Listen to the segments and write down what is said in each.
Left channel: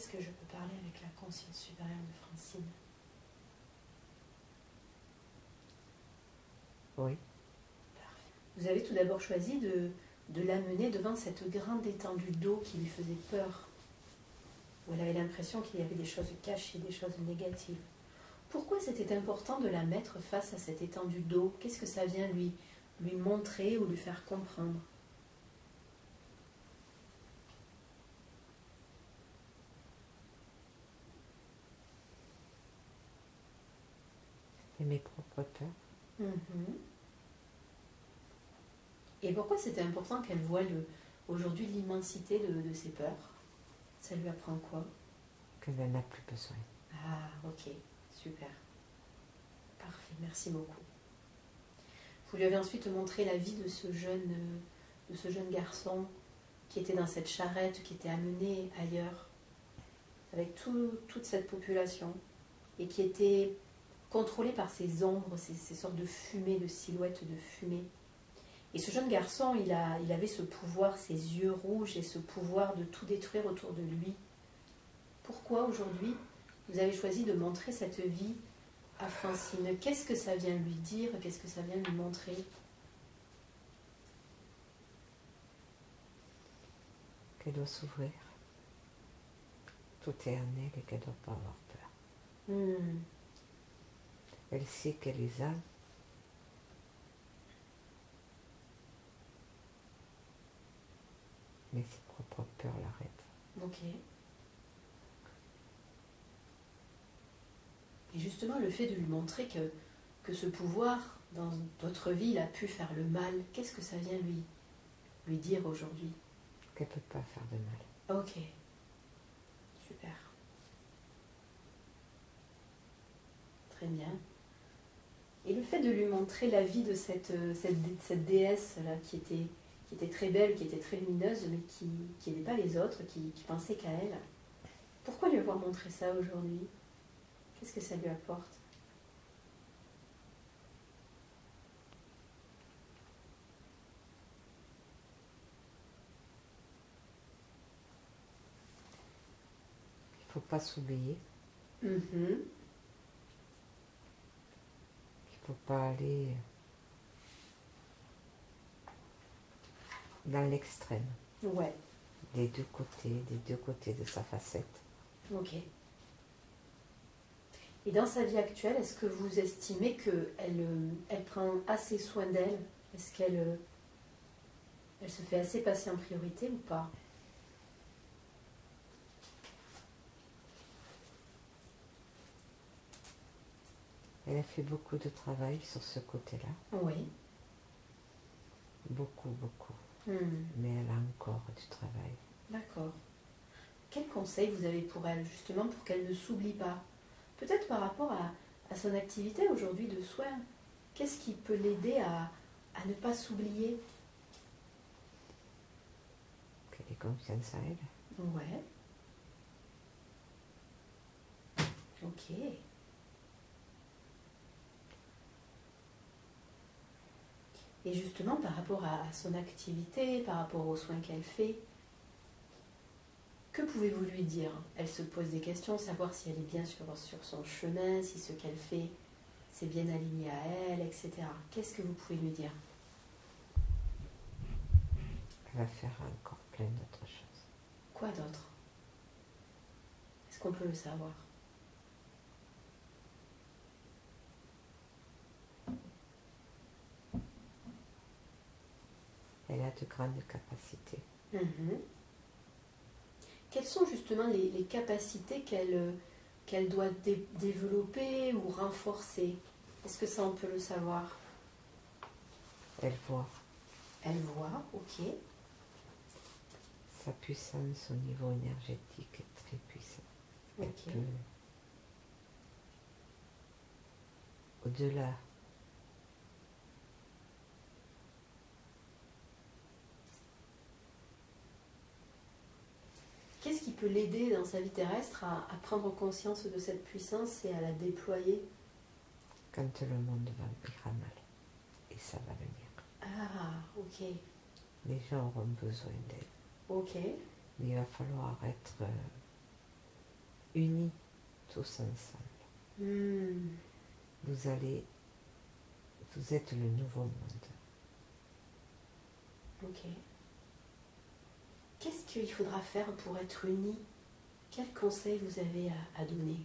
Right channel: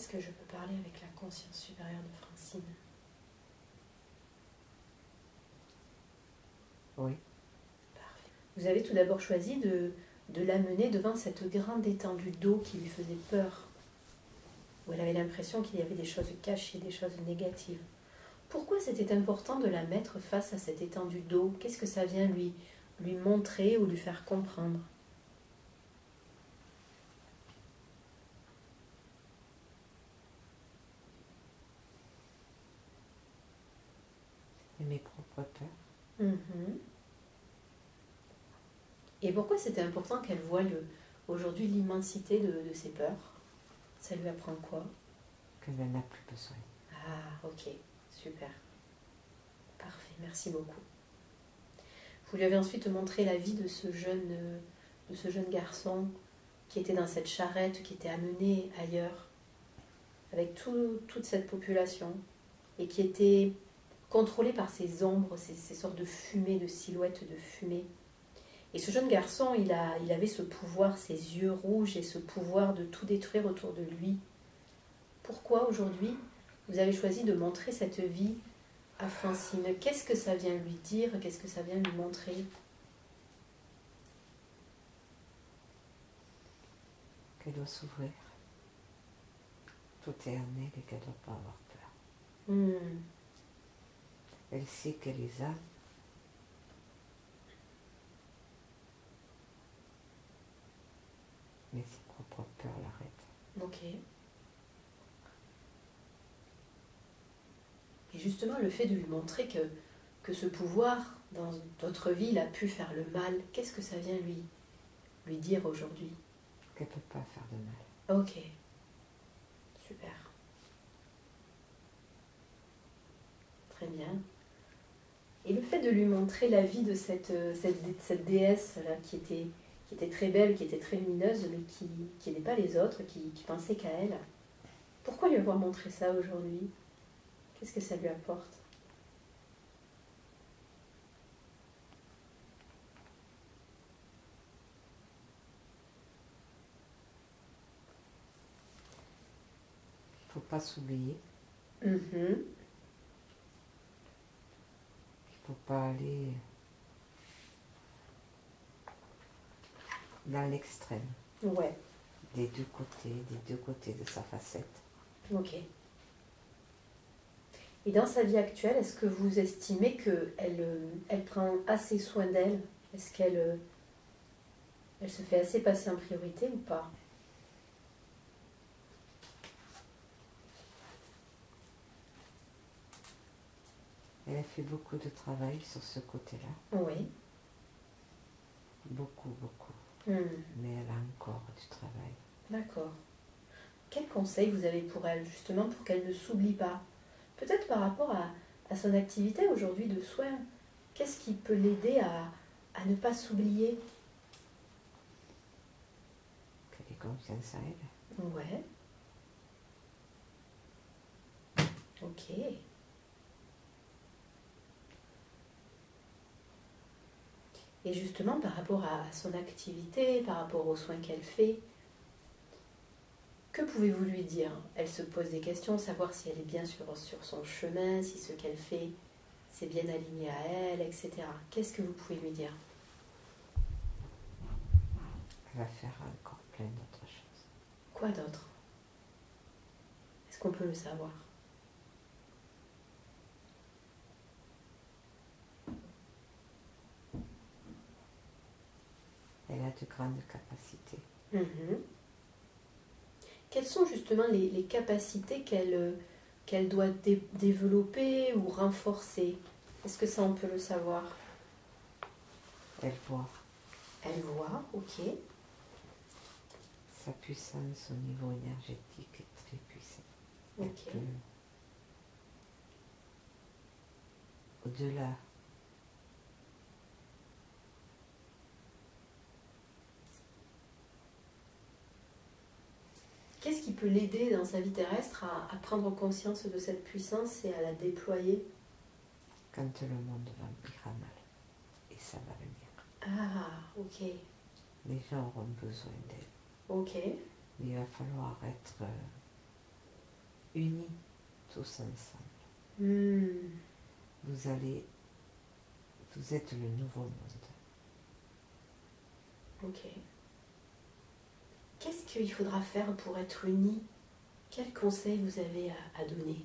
Est-ce que je peux parler avec la conscience supérieure de Francine? Oui. Parfait. Vous avez tout d'abord choisi de l'amener devant cette grande étendue d'eau qui lui faisait peur, où elle avait l'impression qu'il y avait des choses cachées, des choses négatives. Pourquoi c'était important de la mettre face à cette étendue d'eau? Qu'est-ce que ça vient lui montrer ou lui faire comprendre? Et mes propres peurs. Et pourquoi c'était important qu'elle voie aujourd'hui l'immensité de ses peurs? Ça lui apprend quoi? Qu'elle n'en a plus besoin. Ah, ok, super. Parfait, merci beaucoup. Vous lui avez ensuite montré la vie de ce jeune garçon qui était dans cette charrette, qui était amené ailleurs, avec toute cette population, et qui était contrôlé par ces ombres, ces sortes de fumée, de silhouettes de fumée. Et ce jeune garçon, il avait ce pouvoir, ses yeux rouges et ce pouvoir de tout détruire autour de lui. Pourquoi aujourd'hui vous avez choisi de montrer cette vie à Francine? Qu'est-ce que ça vient lui dire? Qu'est-ce que ça vient lui montrer? Qu'elle doit s'ouvrir. Tout est en elle et qu'elle ne doit pas avoir peur. Elle sait qu'elle les a. Mais ses propres peurs l'arrêtent. Ok. Et justement, le fait de lui montrer que ce pouvoir, dans d'autres vies, il a pu faire le mal, qu'est-ce que ça vient lui dire aujourd'hui? Qu'elle ne peut pas faire de mal. Ok. Super. Très bien. Et le fait de lui montrer la vie de cette déesse-là qui était très belle, qui était très lumineuse, mais qui n'aidait pas les autres, qui pensait qu'à elle. Pourquoi lui avoir montré ça aujourd'hui? Qu'est-ce que ça lui apporte? Il ne faut pas s'oublier. Il ne faut pas aller dans l'extrême. Ouais. Des deux côtés de sa facette. Ok. Et dans sa vie actuelle, est-ce que vous estimez qu'elle prend assez soin d'elle? Est-ce qu'elle se fait assez passer en priorité ou pas? Elle a fait beaucoup de travail sur ce côté-là. Oui. Beaucoup. Mais elle a encore du travail. D'accord. Quel conseil vous avez pour elle, justement, pour qu'elle ne s'oublie pas? Peut-être par rapport à son activité aujourd'hui de soins. Qu'est-ce qui peut l'aider à ne pas s'oublier? Qu'elle ait confiance en elle. Ouais. Ok. Et justement, par rapport à son activité, par rapport aux soins qu'elle fait, que pouvez-vous lui dire? Elle se pose des questions, savoir si elle est bien sur son chemin, si ce qu'elle fait, c'est bien aligné à elle, etc. Qu'est-ce que vous pouvez lui dire? Elle va faire encore plein d'autres choses. Quoi d'autre? Est-ce qu'on peut le savoir? Elle a de grandes capacités. Quelles sont justement les capacités qu'elle doit développer ou renforcer? Est-ce que ça, on peut le savoir? Elle voit. Elle voit, ok. Sa puissance au niveau énergétique est très puissante. Elle Ok. peut, au-delà Qu'est-ce qui peut l'aider dans sa vie terrestre à prendre conscience de cette puissance et à la déployer? quand le monde ira mal. Et ça va venir. Ah, ok. Les gens auront besoin d'elle. Ok. Mais il va falloir être unis tous ensemble. Vous êtes le nouveau monde. Ok. Qu'est-ce qu'il faudra faire pour être unis? Quels conseils vous avez à donner?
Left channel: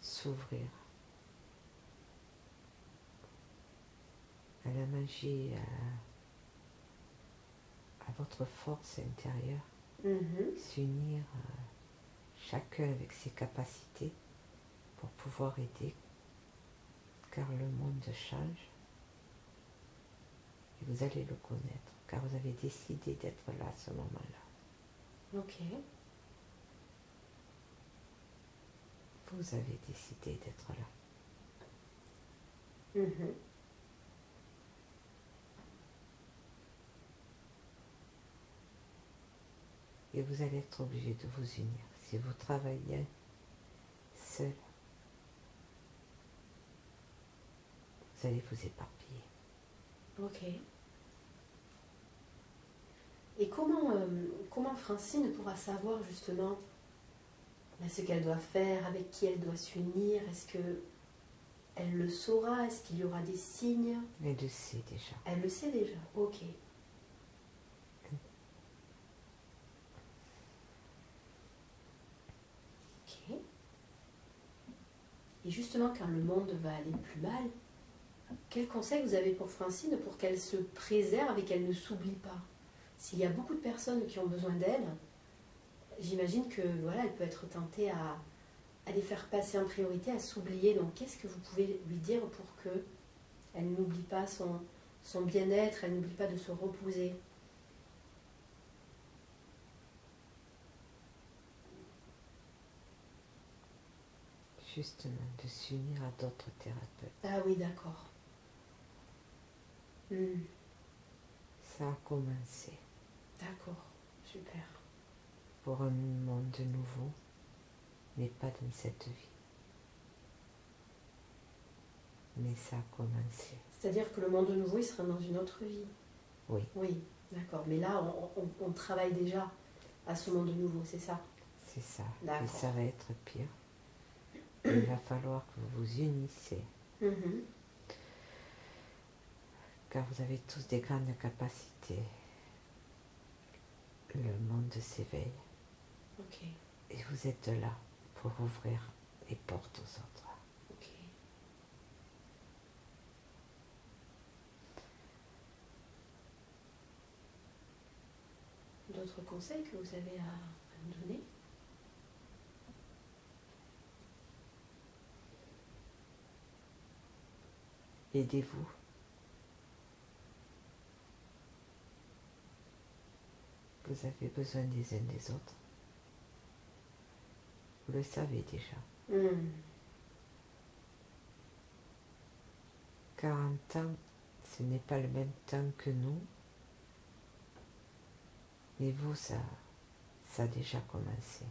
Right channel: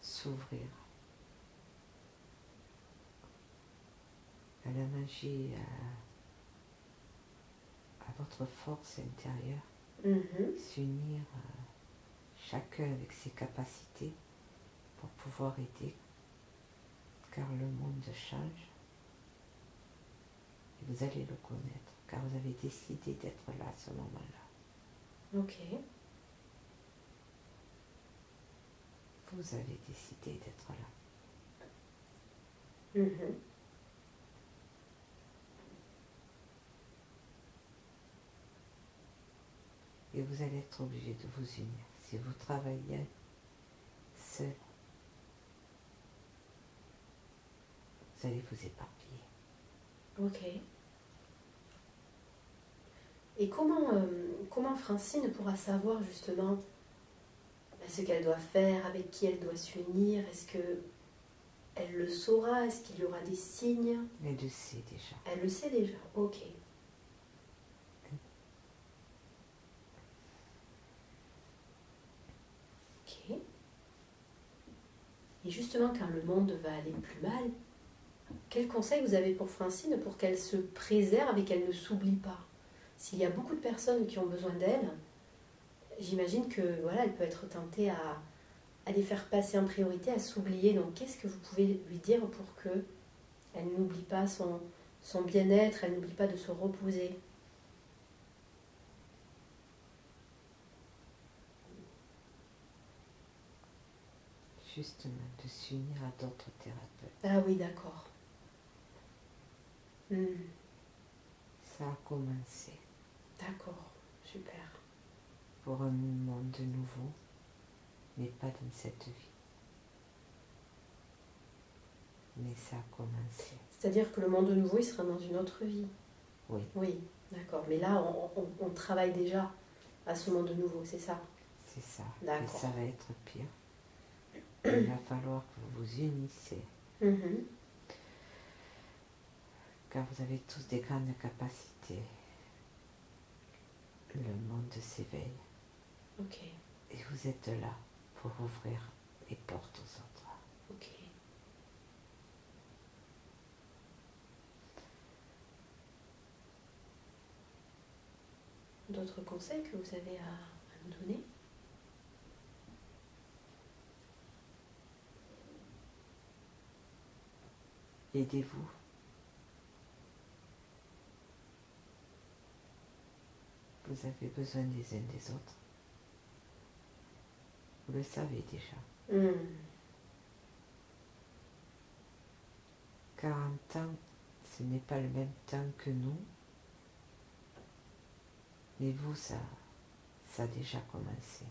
S'ouvrir à la magie, à votre force intérieure, s'unir chacun avec ses capacités pour pouvoir aider, car le monde change et vous allez le connaître, car vous avez décidé d'être là à ce moment-là. Ok. Vous avez décidé d'être là. Et vous allez être obligé de vous unir. Si vous travaillez seul, vous allez vous éparpiller. Ok. Et comment Francine pourra savoir justement ce qu'elle doit faire, avec qui elle doit s'unir? Est-ce qu'elle le saura? Est-ce qu'il y aura des signes? Elle le sait déjà. Elle le sait déjà, ok. Ok. Et justement, quand le monde va aller plus mal, quel conseil vous avez pour Francine pour qu'elle se préserve et qu'elle ne s'oublie pas? S'il y a beaucoup de personnes qui ont besoin d'elle, j'imagine que voilà, elle peut être tentée à les faire passer en priorité, à s'oublier. Donc, qu'est-ce que vous pouvez lui dire pour qu'elle n'oublie pas son bien-être, elle n'oublie pas de se reposer? Justement, de s'unir à d'autres thérapeutes. Ah oui, d'accord. Ça a commencé. D'accord, super. Pour un monde nouveau, mais pas dans cette vie. Mais ça a commencé. C'est-à-dire que le monde nouveau, il sera dans une autre vie. Oui. Oui, d'accord. Mais là, on travaille déjà à ce monde nouveau, c'est ça? C'est ça. D'accord. Et ça va être pire. Il va falloir que vous vous unissez. Car vous avez tous des grandes capacités. Le monde s'éveille. Ok. Et vous êtes là pour ouvrir les portes aux autres. Ok. D'autres conseils que vous avez à nous donner? Aidez-vous. Vous avez besoin des uns des autres. Vous le savez déjà. 40 ans, ce n'est pas le même temps que nous. Mais vous, ça a déjà commencé.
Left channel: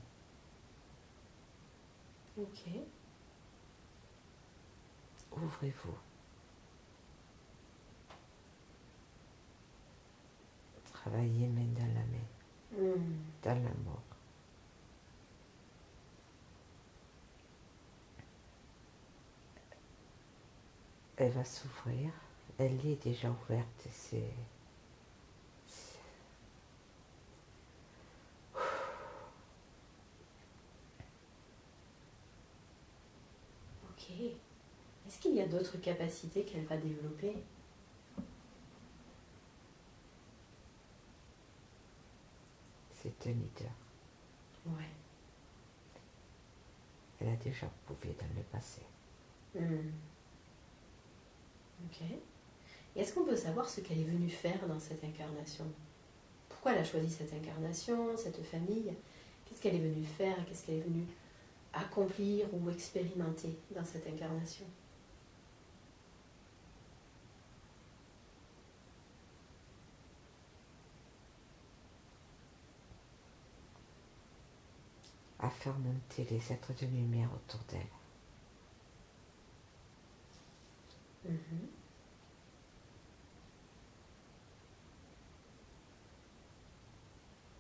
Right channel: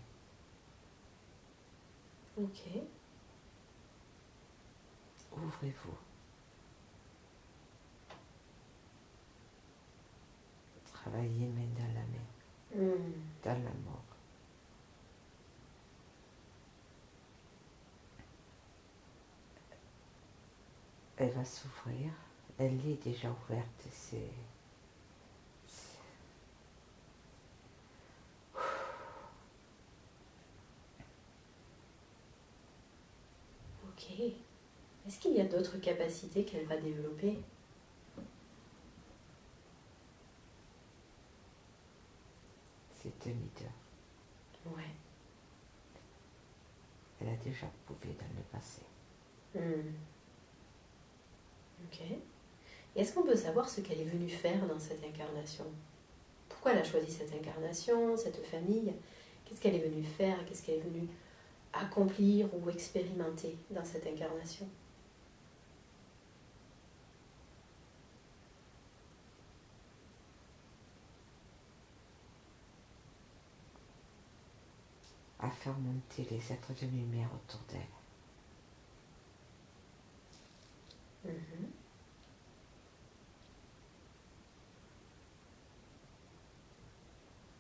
Ok. Ouvrez-vous. Travaillez main dans la main, dans l'amour. Elle va s'ouvrir. Elle est déjà ouverte. Ok. Est-ce qu'il y a d'autres capacités qu'elle va développer? C'est un leader. Ouais. Elle a déjà prouvé dans le passé. Ok. Et est-ce qu'on peut savoir ce qu'elle est venue faire dans cette incarnation? Pourquoi elle a choisi cette incarnation, cette famille? Qu'est-ce qu'elle est venue faire? Qu'est-ce qu'elle est venue accomplir ou expérimenter dans cette incarnation? À faire monter les êtres de lumière autour d'elle.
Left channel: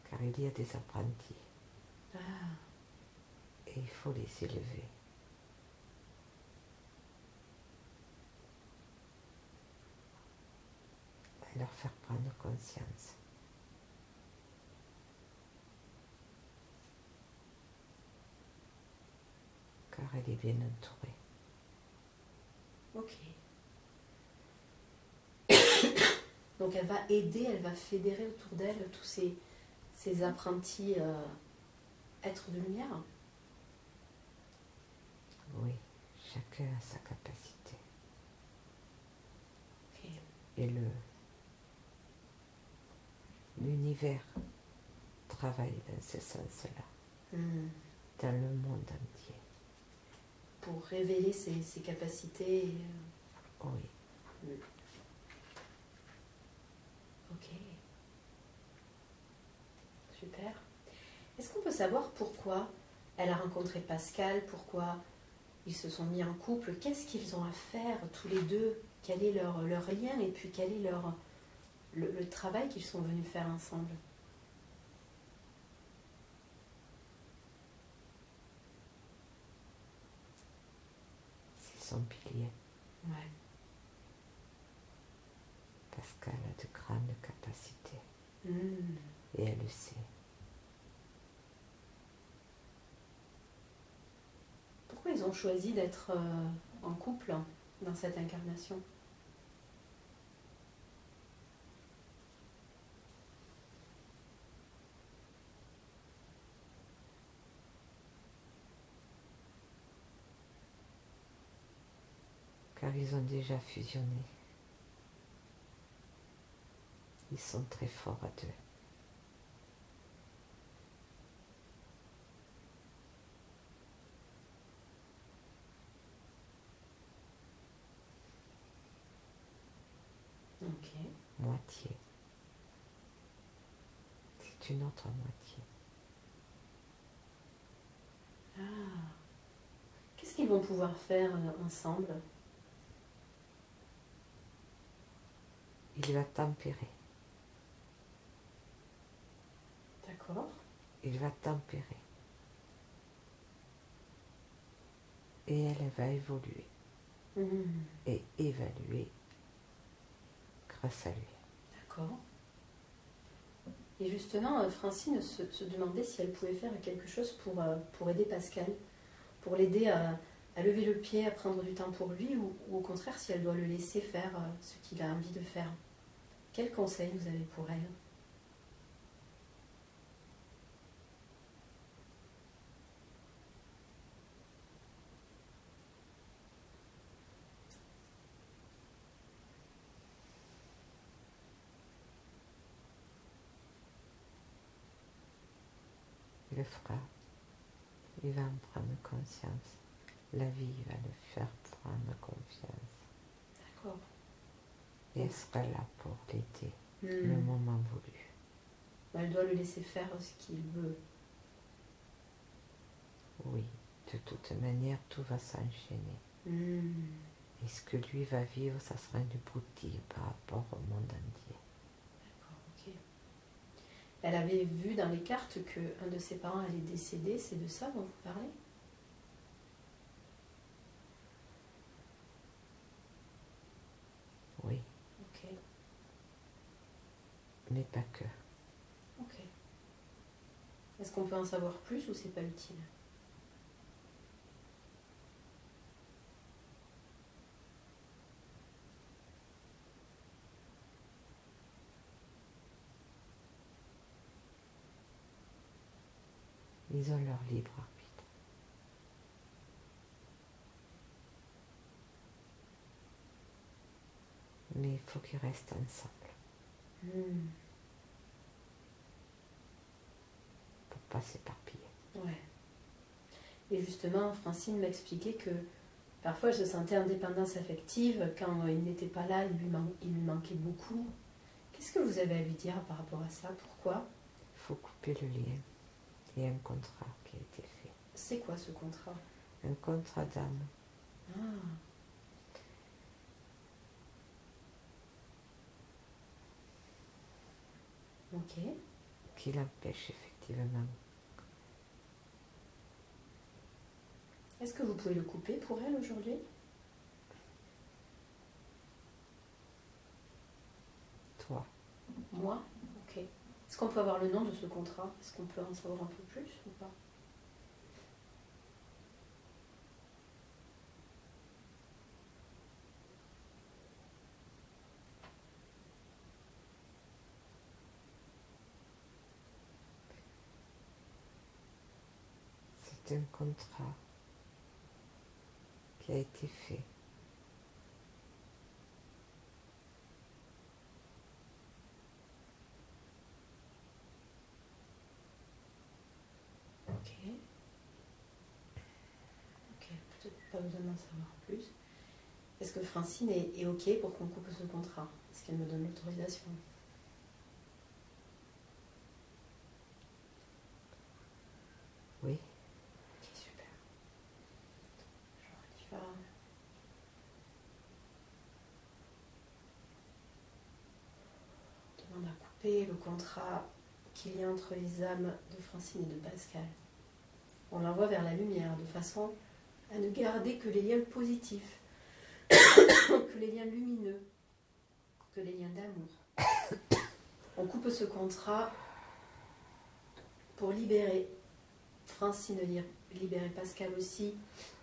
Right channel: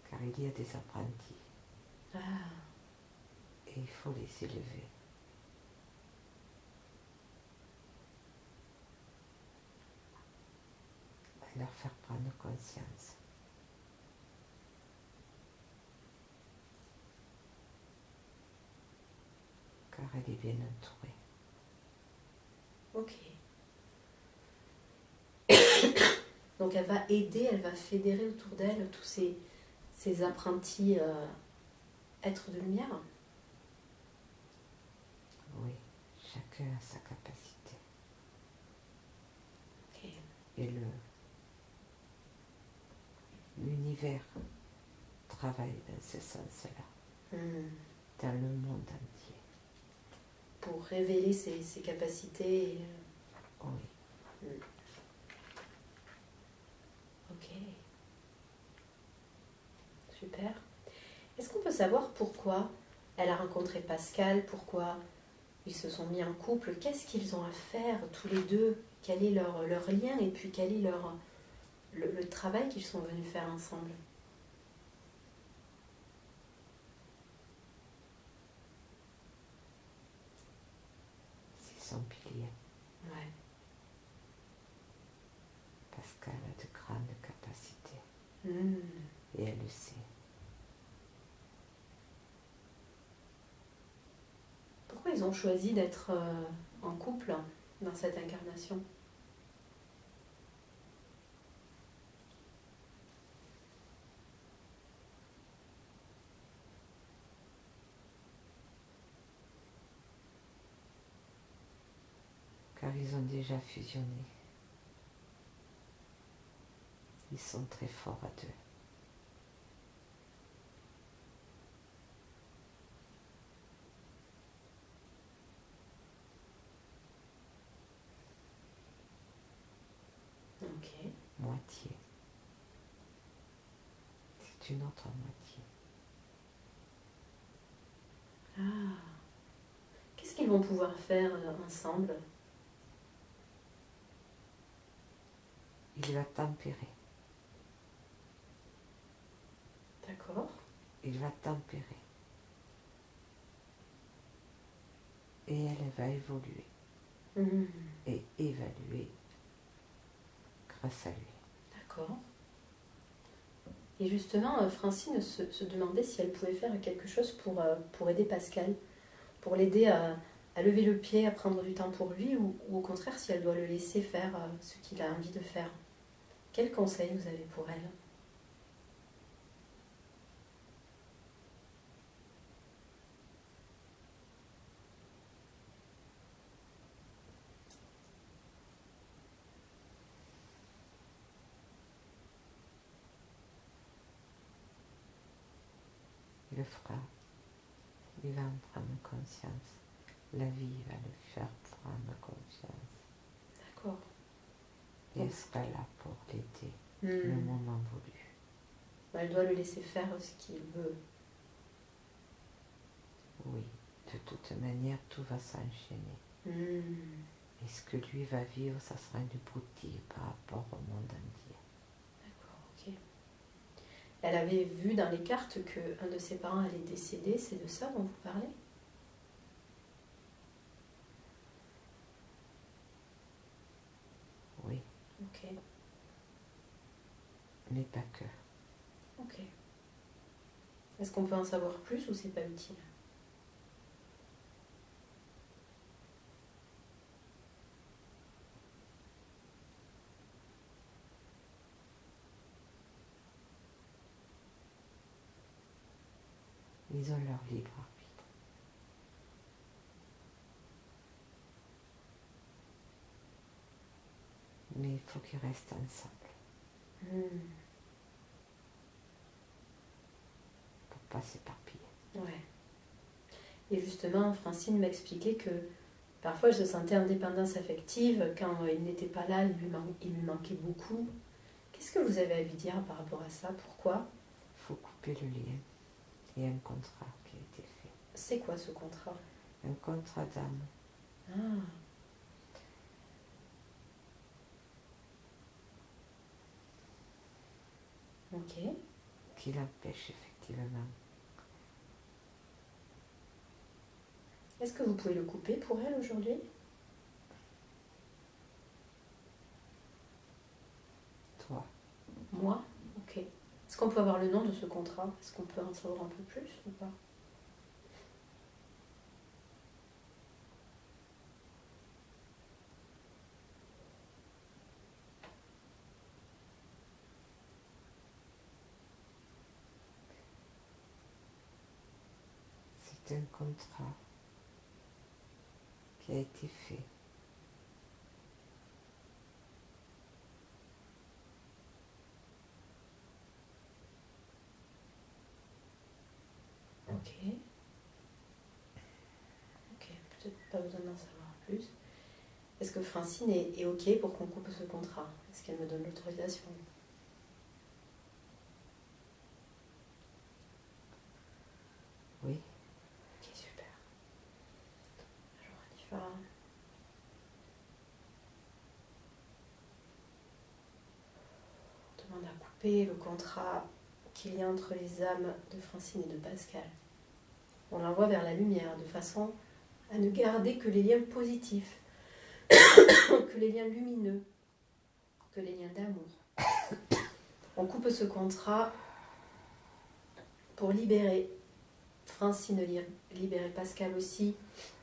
Car il y a des apprentis. Et il faut les élever. Et leur faire prendre conscience. Car elle est bien entourée. Ok. Donc elle va aider, elle va fédérer autour d'elle tous ces apprentis êtres de lumière. Oui, chacun a sa capacité. Ok. Et l'univers travaille dans ce sens-là, dans le monde entier. Pour révéler ses capacités. Oui. Ok. Super. Est-ce qu'on peut savoir pourquoi elle a rencontré Pascal, pourquoi ils se sont mis en couple, qu'est-ce qu'ils ont à faire tous les deux, quel est leur lien et puis quel est le travail qu'ils sont venus faire ensemble? C'est son pilier. Ouais. Pascal a de grandes capacités. Et elle le sait. Pourquoi ils ont choisi d'être en couple dans cette incarnation? Car ils ont déjà fusionné. Ils sont très forts à deux. Ok. Moitié. C'est une autre moitié. Ah. Qu'est-ce qu'ils vont pouvoir faire ensemble? Il va tempérer. D'accord. Il va tempérer. Et elle va évoluer. Et évaluer grâce à lui. D'accord. Et justement, Francine se demandait si elle pouvait faire quelque chose pour aider Pascal, pour l'aider à lever le pied, à prendre du temps pour lui, ou au contraire si elle doit le laisser faire ce qu'il a envie de faire. Quel conseil vous avez pour elle? Il le fera. Il va en prendre conscience. La vie va le faire prendre confiance. D'accord. Et elle sera là pour l'aider le moment voulu. Elle doit le laisser faire ce qu'il veut. Oui, de toute manière, tout va s'enchaîner. Et ce que lui va vivre, ça sera une broutille par rapport au monde entier. D'accord, ok. Elle avait vu dans les cartes qu'un de ses parents allait décéder, c'est de ça dont vous parlez? Oui. Ok. Mais pas que. Ok. Est-ce qu'on peut en savoir plus ou c'est pas utile? Ils ont leur libre arbitre. Mais il faut qu'ils restent ensemble. Pour pas s'éparpiller. Ouais. Et justement, Francine m'expliquait que parfois elle se sentait indépendance affective. Quand il n'était pas là, il lui manquait beaucoup. Qu'est-ce que vous avez à lui dire par rapport à ça? Pourquoi? Il faut couper le lien. Il y a un contrat qui a été fait. C'est quoi ce contrat? Un contrat d'âme. Ah. Ok. Qui l'empêche effectivement Est-ce que vous pouvez le couper pour elle aujourd'hui? Toi. Moi? Ok. Est-ce qu'on peut avoir le nom de ce contrat? Est-ce qu'on peut en savoir un peu plus ou pas? C'est un contrat qui a été fait. Ok. Ok, peut-être pas besoin d'en savoir plus. Est-ce que Francine est ok pour qu'on coupe ce contrat? Est-ce qu'elle me donne l'autorisation? Oui. Ok, super. Alors on y va. On demande à couper le contrat qu'il y a entre les âmes de Francine et de Pascal. On l'envoie vers la lumière de façon à ne garder que les liens positifs, que les liens lumineux, que les liens d'amour. On coupe ce contrat pour libérer Francine, libérer Pascal aussi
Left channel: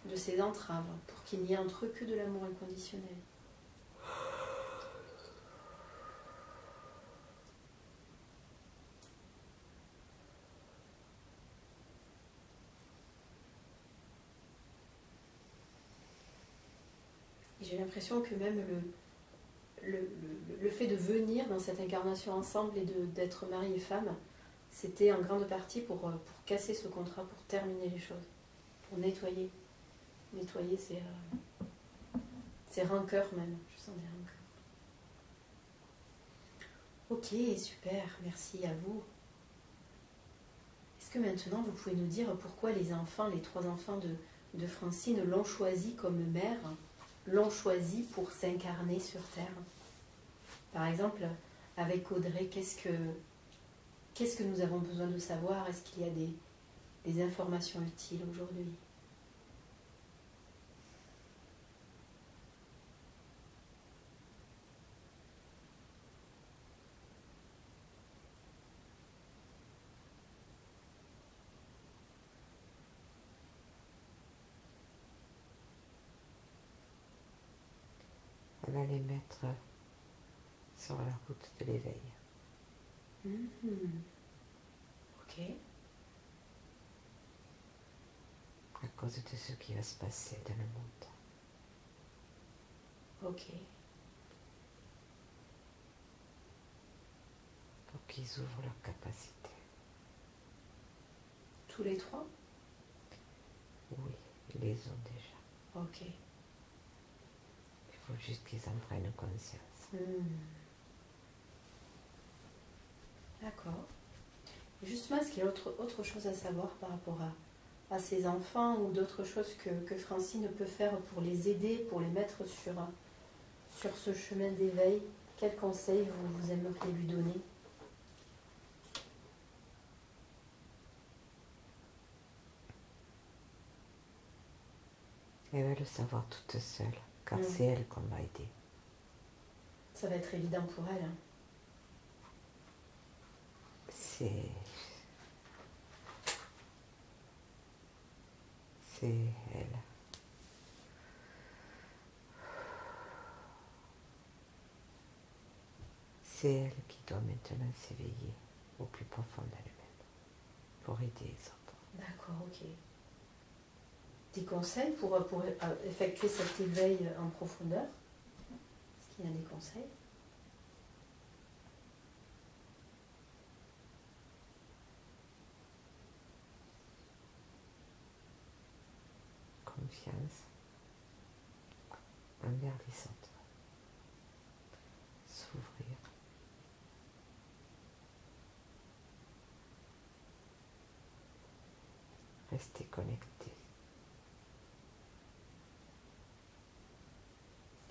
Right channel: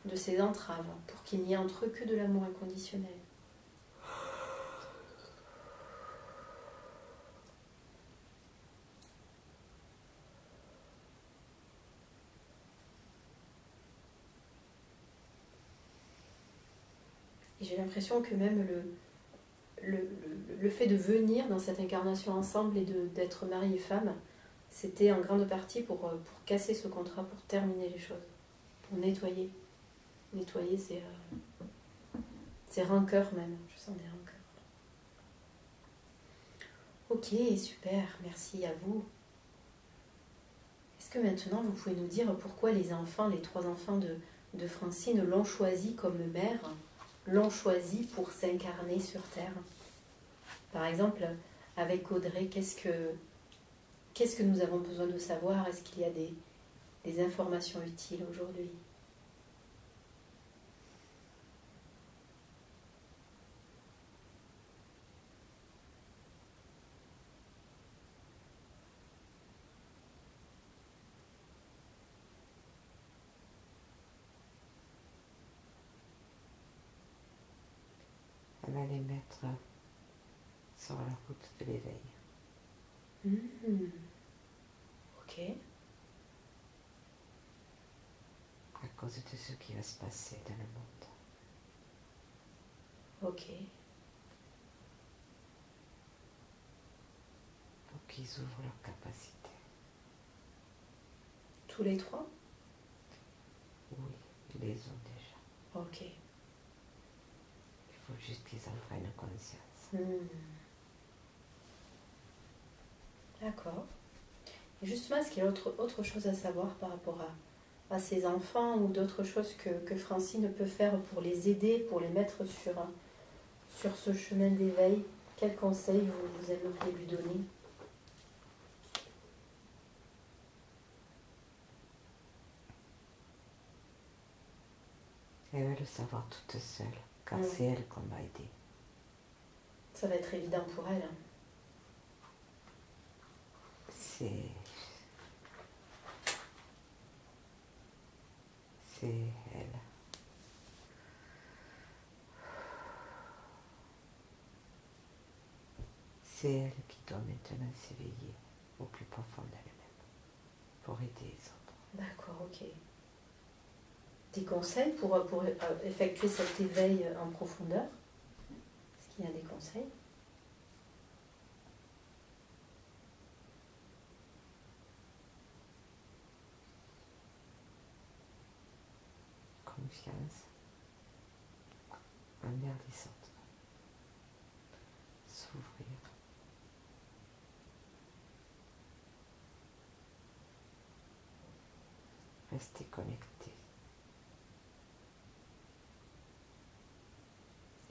de ses entraves, pour qu'il n'y ait entre eux que de l'amour inconditionnel. Et j'ai l'impression que même le fait de venir dans cette incarnation ensemble et d'être mari et femme, c'était en grande partie pour casser ce contrat, pour terminer les choses, pour nettoyer. Nettoyer ses rancœurs même. Je sens des rancœurs. Ok, super, merci à vous. Est-ce que maintenant vous pouvez nous dire pourquoi les enfants, les 3 enfants de Francine l'ont choisi comme mère, l'ont choisi pour s'incarner sur Terre? Par exemple, avec Audrey, qu'est-ce que nous avons besoin de savoir? Est-ce qu'il y a des informations utiles aujourd'hui? Elle va les mettre sur la route de l'éveil. Ok. À cause de ce qui va se passer dans le monde. Ok. Pour qu'ils ouvrent leurs capacités. Tous les 3? Oui, ils les ont déjà. Ok. Il faut juste qu'ils en prennent conscience. D'accord. Et justement, est-ce qu'il y a autre chose à savoir par rapport à ses enfants ou d'autres choses que Francine peut faire pour les aider, pour les mettre sur ce chemin d'éveil? Quels conseils vous aimeriez lui donner? Elle va le savoir toute seule, car c'est elle qu'on va aider. Ça va être évident pour elle. Hein. C'est elle. C'est elle qui doit maintenant s'éveiller au plus profond d'elle-même pour aider les autres. D'accord, ok. Des conseils pour effectuer cet éveil en profondeur? Est-ce qu'il y a des conseils? Confiance envers les autres. S'ouvrir. Rester connecté.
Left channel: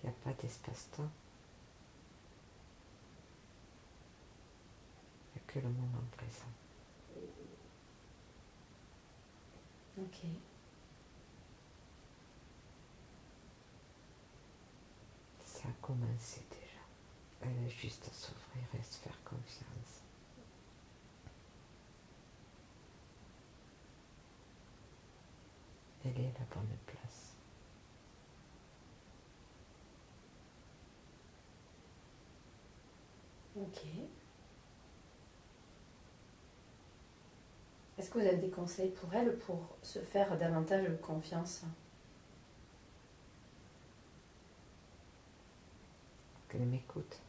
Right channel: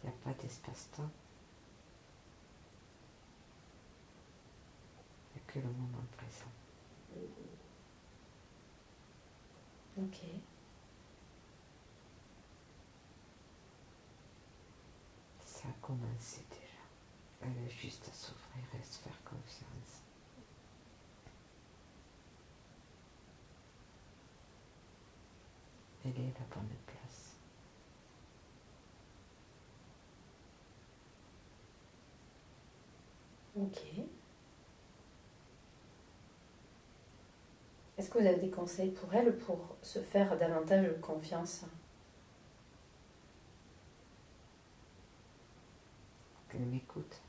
Il n'y a pas d'espace-temps. Il n'y a que le moment présent. Ok. commencé déjà. Elle a juste à s'ouvrir et à se faire confiance. Elle est à la bonne place. Ok. Est-ce que vous avez des conseils pour elle pour se faire davantage confiance? Qu'elle m'écoute,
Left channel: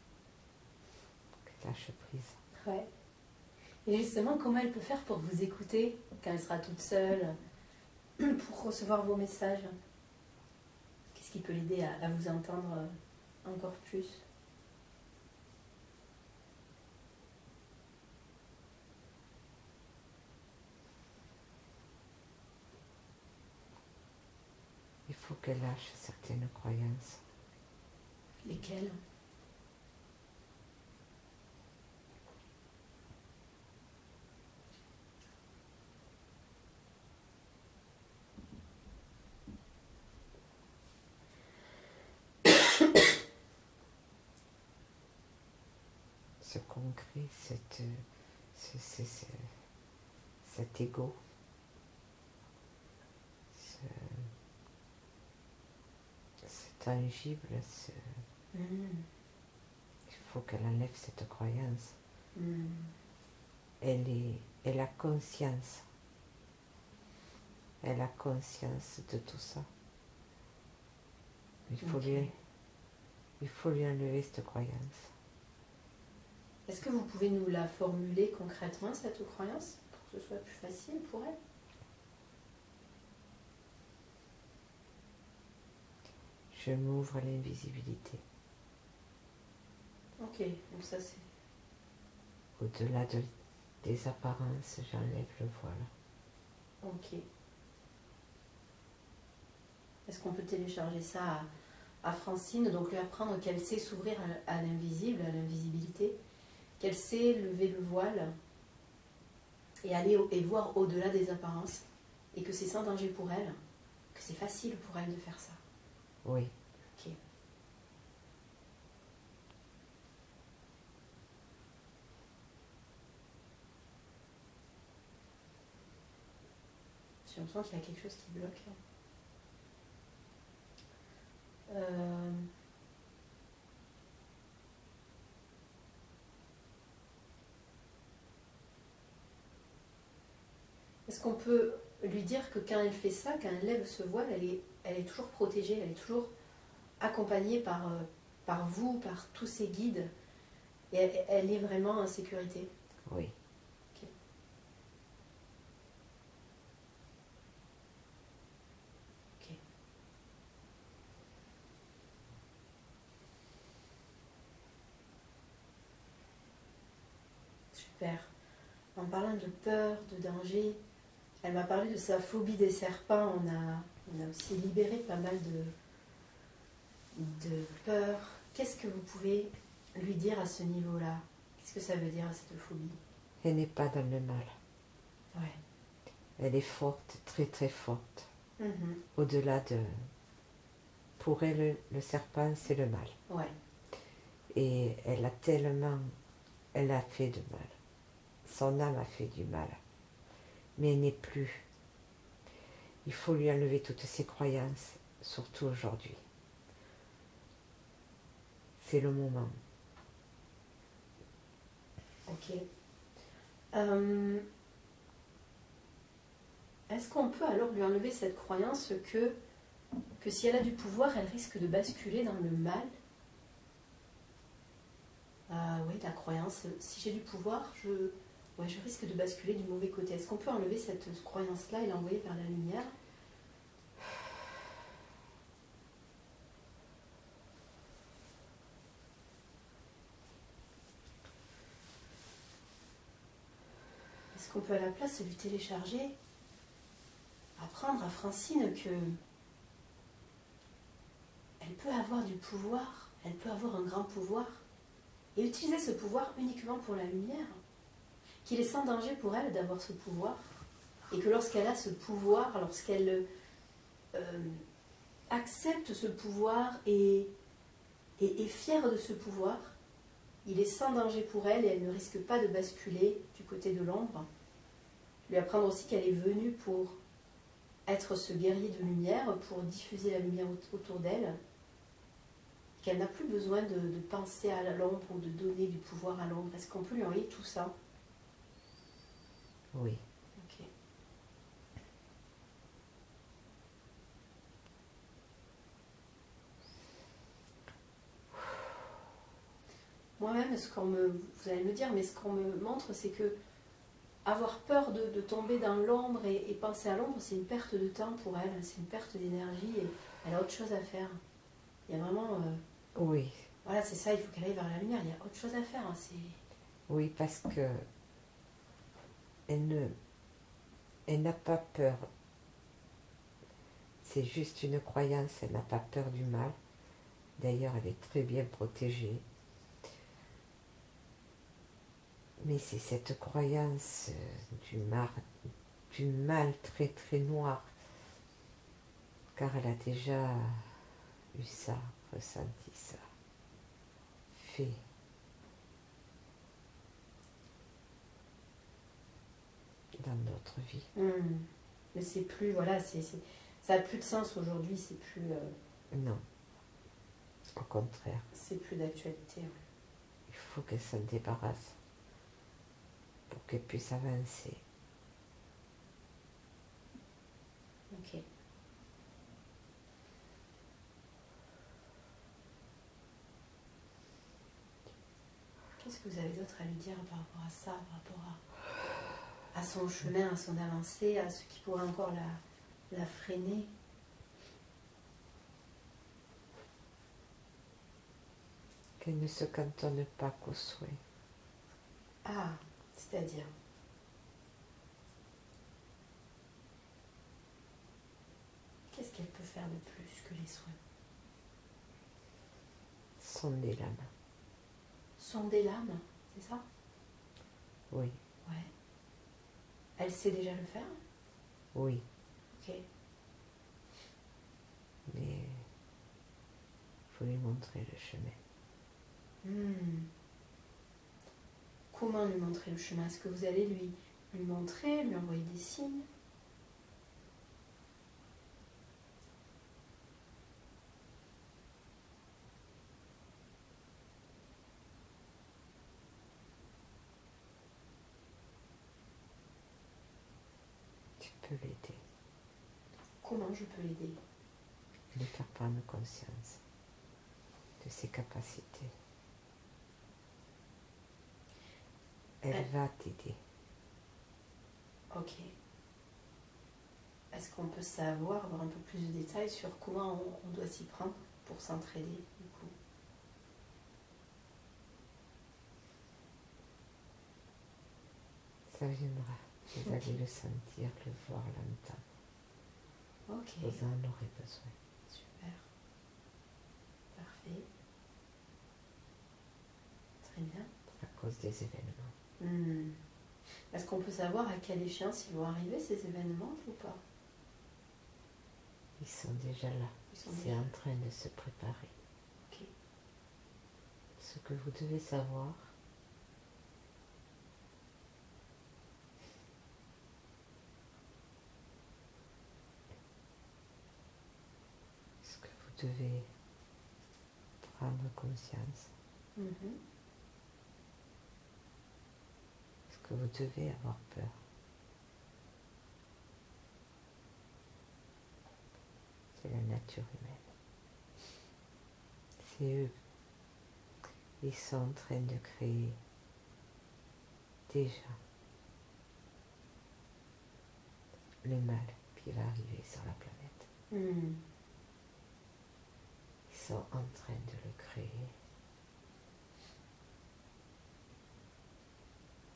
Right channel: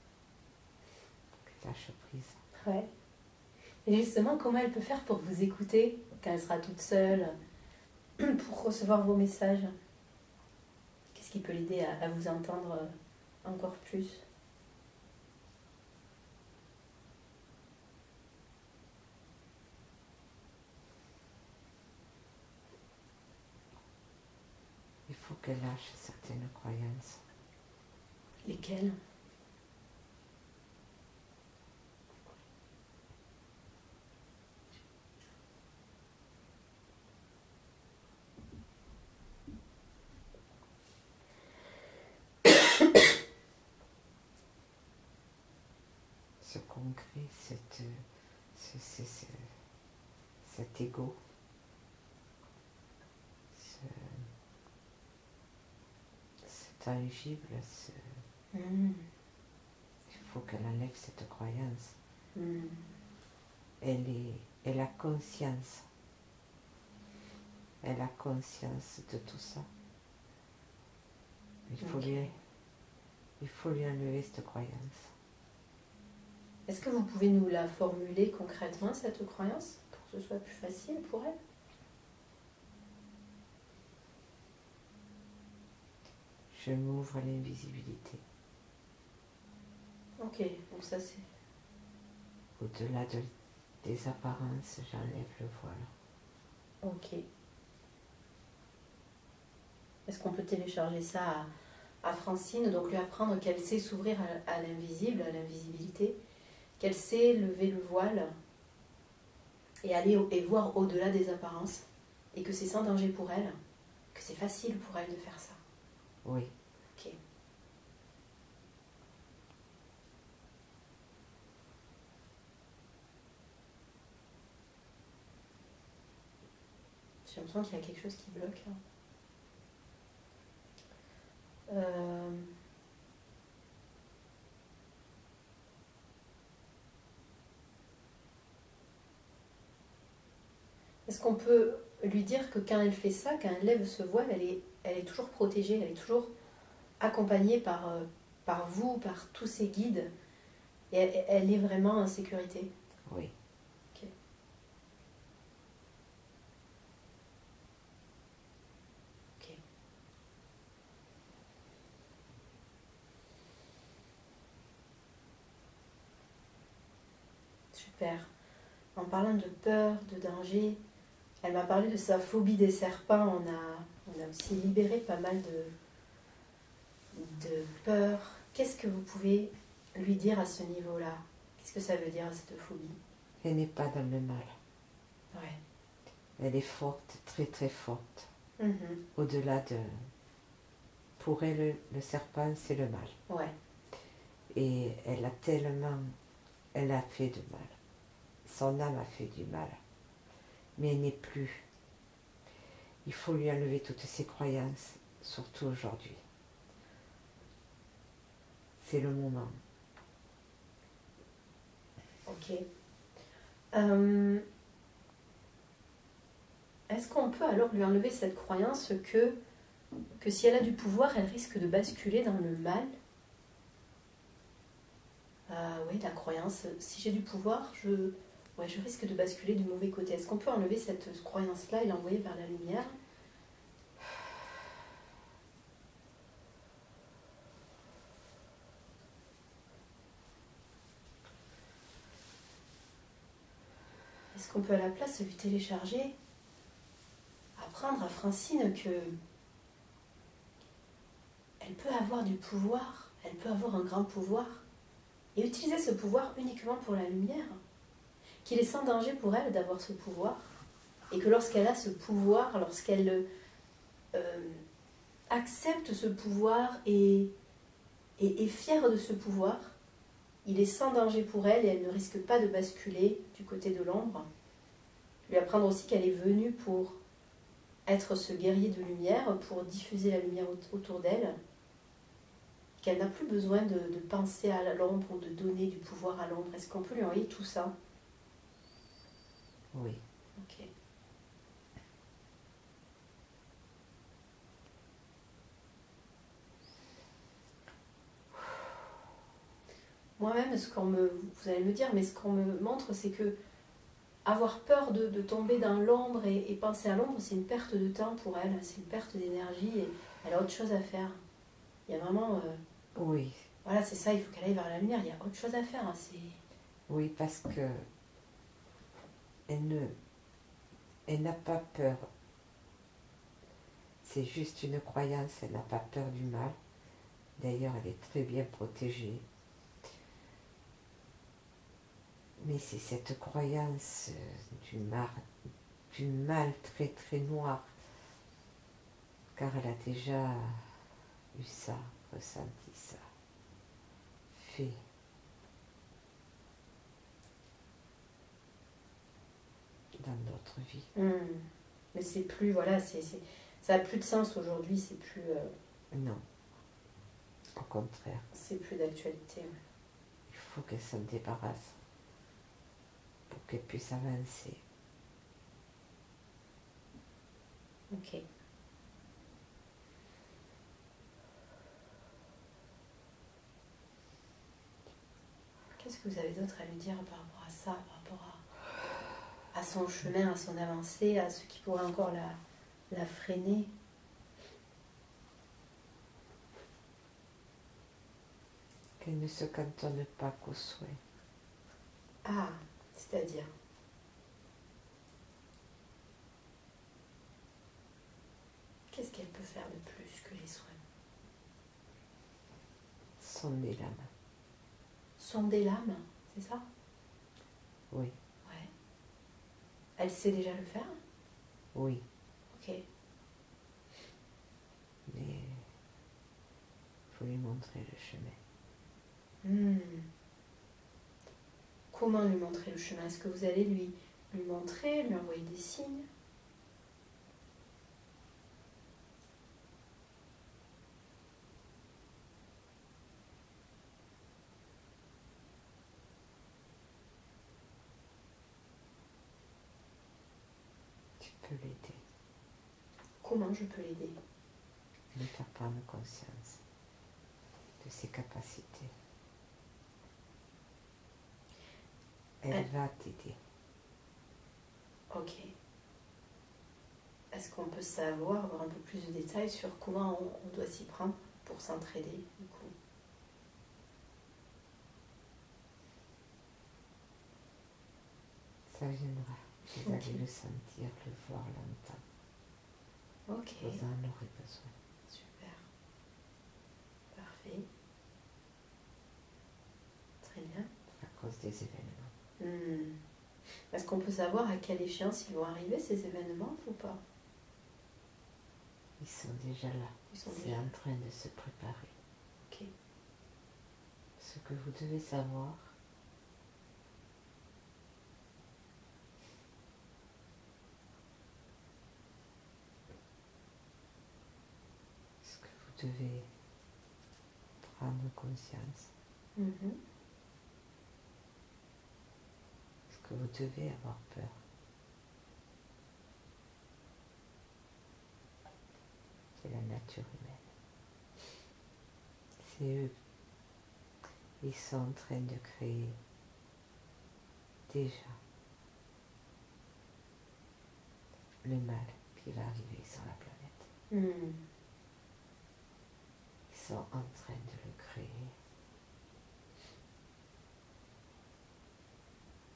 qu'elle lâche prise. Ouais. Et justement, comment elle peut faire pour vous écouter quand elle sera toute seule, pour recevoir vos messages? Qu'est-ce qui peut l'aider à vous entendre encore plus? Il faut qu'elle lâche certaines croyances. Lesquelles? Ce concret, cet ego, c'est tangible, il faut qu'elle enlève cette croyance. Elle a conscience. Elle a conscience de tout ça. Il faut lui enlever cette croyance. Est-ce que vous pouvez nous la formuler concrètement, cette croyance, pour que ce soit plus facile pour elle? Je m'ouvre à l'invisibilité. Ok, donc ça c'est... Au-delà des apparences, j'enlève le voile. Ok. Est-ce qu'on peut télécharger ça à Francine, donc lui apprendre qu'elle sait s'ouvrir à l'invisible, à l'invisibilité, qu'elle sait lever le voile et aller et voir au-delà des apparences, et que c'est sans danger pour elle, que c'est facile pour elle de faire ça? Oui. Ok. J'ai l'impression qu'il y a quelque chose qui bloque là. Est-ce qu'on peut lui dire que quand elle fait ça, quand elle lève ce voile, elle est toujours protégée, elle est toujours accompagnée par vous, par tous ses guides, et elle est vraiment en sécurité? Oui. Ok. Ok. Super. En parlant de peur, de danger, elle m'a parlé de sa phobie des serpents. On a aussi libéré pas mal de peur. Qu'est-ce que vous pouvez lui dire à ce niveau-là? Qu'est-ce que ça veut dire, cette phobie? Elle n'est pas dans le mal. Ouais. Elle est forte, très très forte. Mhm. Au-delà de... Pour elle, le serpent, c'est le mal. Ouais. Et elle a tellement... Elle a fait de mal. Son âme a fait du mal. Mais elle n'est plus. Il faut lui enlever toutes ses croyances, surtout aujourd'hui. C'est le moment. Ok. Est-ce qu'on peut alors lui enlever cette croyance que si elle a du pouvoir, elle risque de basculer dans le mal? Oui, la croyance, si j'ai du pouvoir, je risque de basculer du mauvais côté. Est-ce qu'on peut enlever cette croyance-là et l'envoyer vers la lumière? Est-ce qu'on peut à la place lui télécharger, apprendre à Francine que elle peut avoir du pouvoir, elle peut avoir un grand pouvoir, et utiliser ce pouvoir uniquement pour la lumière, qu'il est sans danger pour elle d'avoir ce pouvoir, et que lorsqu'elle a ce pouvoir, lorsqu'elle accepte ce pouvoir et est fier de ce pouvoir. Il est sans danger pour elle et elle ne risque pas de basculer du côté de l'ombre. Lui apprendre aussi qu'elle est venue pour être ce guerrier de lumière, pour diffuser la lumière autour d'elle, qu'elle n'a plus besoin de penser à l'ombre ou de donner du pouvoir à l'ombre. Est-ce qu'on peut lui envoyer tout ça? Oui. Ok. Moi-même, vous allez me dire, mais ce qu'on me montre, c'est que avoir peur de tomber dans l'ombre et penser à l'ombre, c'est une perte de temps pour elle, c'est une perte d'énergie et elle a autre chose à faire. Il y a vraiment... Oui. Voilà, c'est ça, il faut qu'elle aille vers la lumière, il y a autre chose à faire. Hein, oui, parce que elle n'a pas peur. C'est juste une croyance, elle n'a pas peur du mal. D'ailleurs, elle est très bien protégée. Mais c'est cette croyance du mal très très noir, car elle a déjà eu ça, ressenti ça, fait. Dans d'autres vies. Mais c'est plus, voilà, ça a plus de sens aujourd'hui, c'est plus... Non, au contraire. C'est plus d'actualité. Ouais. Il faut qu'elle s'en débarrasse pour qu'elle puisse avancer. Ok. Qu'est-ce que vous avez d'autre à lui dire par rapport à ça, par rapport à son chemin, à son avancée, à ce qui pourrait encore la freiner? Qu'elle ne se cantonne pas qu'aux souhaits. Ah, c'est-à-dire? Qu'est-ce qu'elle peut faire de plus que les soins? Sonder l'âme. Sonder l'âme, c'est ça? Oui. Ouais. Elle sait déjà le faire? Oui. Ok. Mais il faut lui montrer le chemin. Comment lui montrer le chemin? Est-ce que vous allez lui montrer, lui envoyer des signes? Tu peux l'aider. Comment je peux l'aider? Lui faire prendre conscience de ses capacités. Elle va t'aider. Ok. Est-ce qu'on peut savoir, avoir un peu plus de détails sur comment on doit s'y prendre pour s'entraider, du coup? Ça viendra. Vous allez le sentir, le voir, l'entendre. Ok. Vous en aurez besoin. Super. Parfait. Très bien. À cause des événements. Est-ce qu'on peut savoir à quelle échéance ils vont arriver, ces événements, ou pas? Ils sont déjà là. C'est en train de se préparer. Ok. Ce que vous devez savoir, ce que vous devez prendre conscience, ce que vous devez avoir peur, c'est la nature humaine. C'est eux. Ils sont en train de créer déjà le mal qui va arriver sur la planète. Ils sont en train de le créer.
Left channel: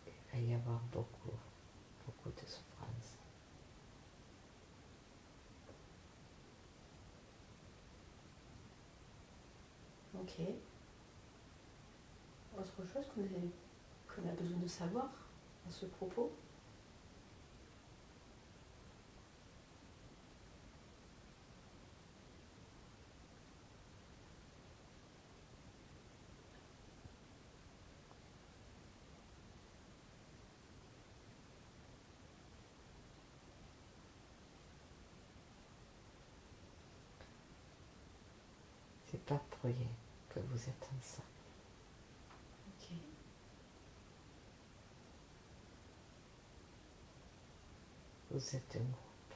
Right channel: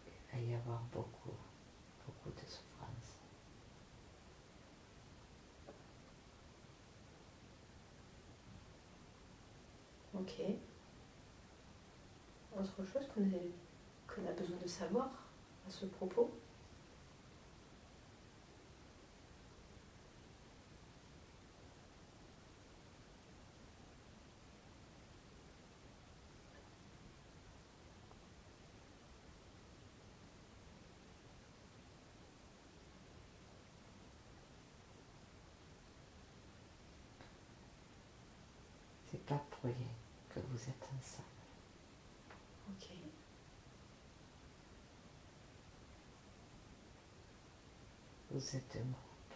Il va y avoir beaucoup de souffrance. Ok. Autre chose qu'on a besoin de savoir à ce propos? pas pour rien que vous êtes ensemble. Ok. Vous êtes un groupe.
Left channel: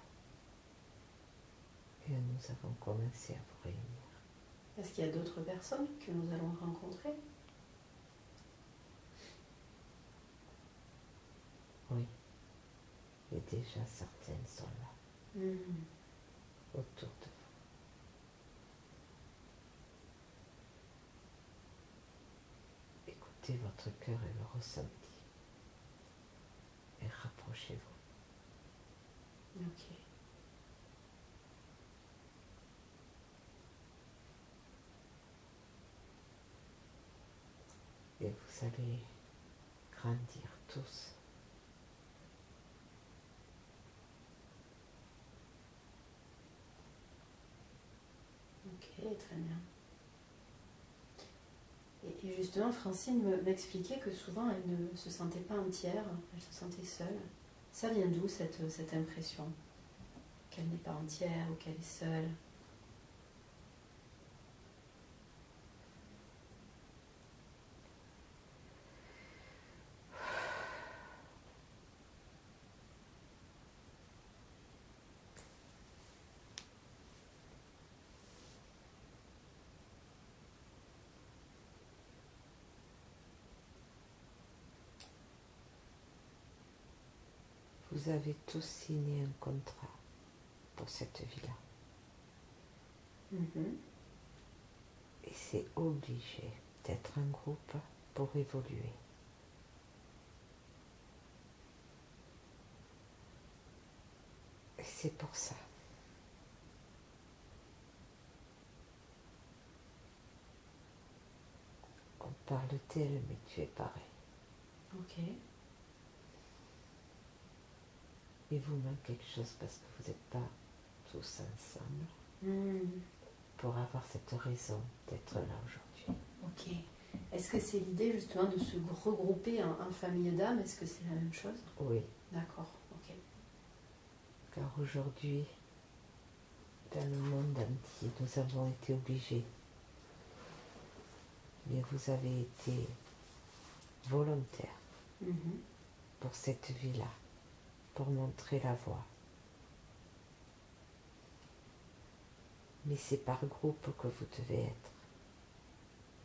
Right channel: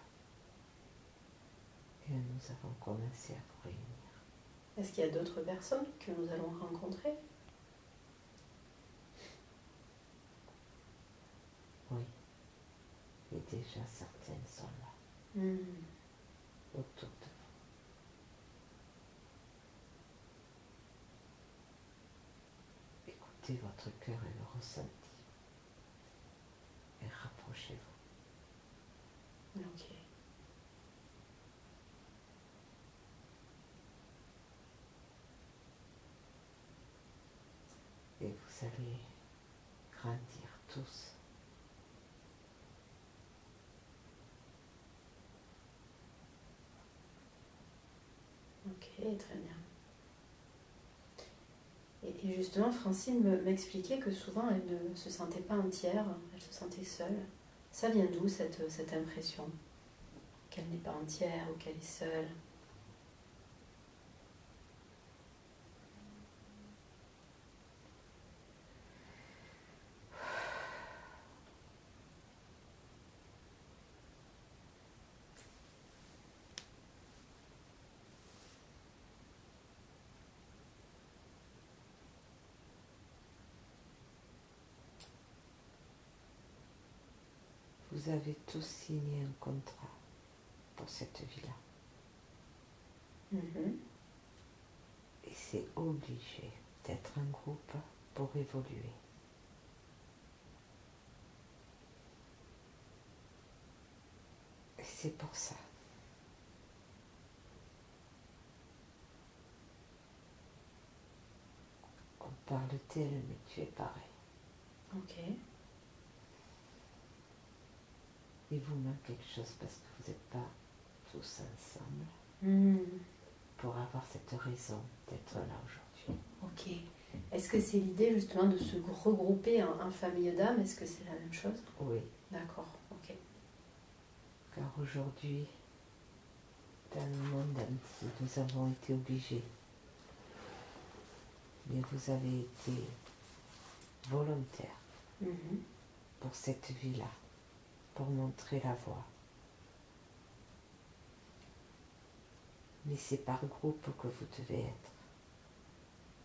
Et nous avons commencé à vous réunir. Est-ce qu'il y a d'autres personnes que nous allons rencontrer? Oui. Et déjà certaines sont là, autour de vous. Écoutez votre cœur et le ressenti. Et rapprochez-vous. Ok. Et vous allez grandir tous. Ok, très bien. Et justement, Francine m'expliquait que souvent, elle ne se sentait pas entière, elle se sentait seule. Ça vient d'où cette impression qu'elle n'est pas entière ou qu'elle est seule? Vous avez tous signé un contrat pour cette vie-là. Et c'est obligé d'être un groupe pour évoluer. Et c'est pour ça. On parle d'elle, mais tu es pareil. Ok. Il vous manque quelque chose parce que vous n'êtes pas tous ensemble pour avoir cette raison d'être là aujourd'hui. Ok. Est-ce que c'est l'idée justement de se regrouper en famille d'âmes? Est-ce que c'est la même chose? Oui. D'accord, ok. Car aujourd'hui, dans le monde entier, nous avons été obligés. Mais vous avez été volontaire pour cette vie-là, pour montrer la voie. Mais c'est par groupe que vous devez être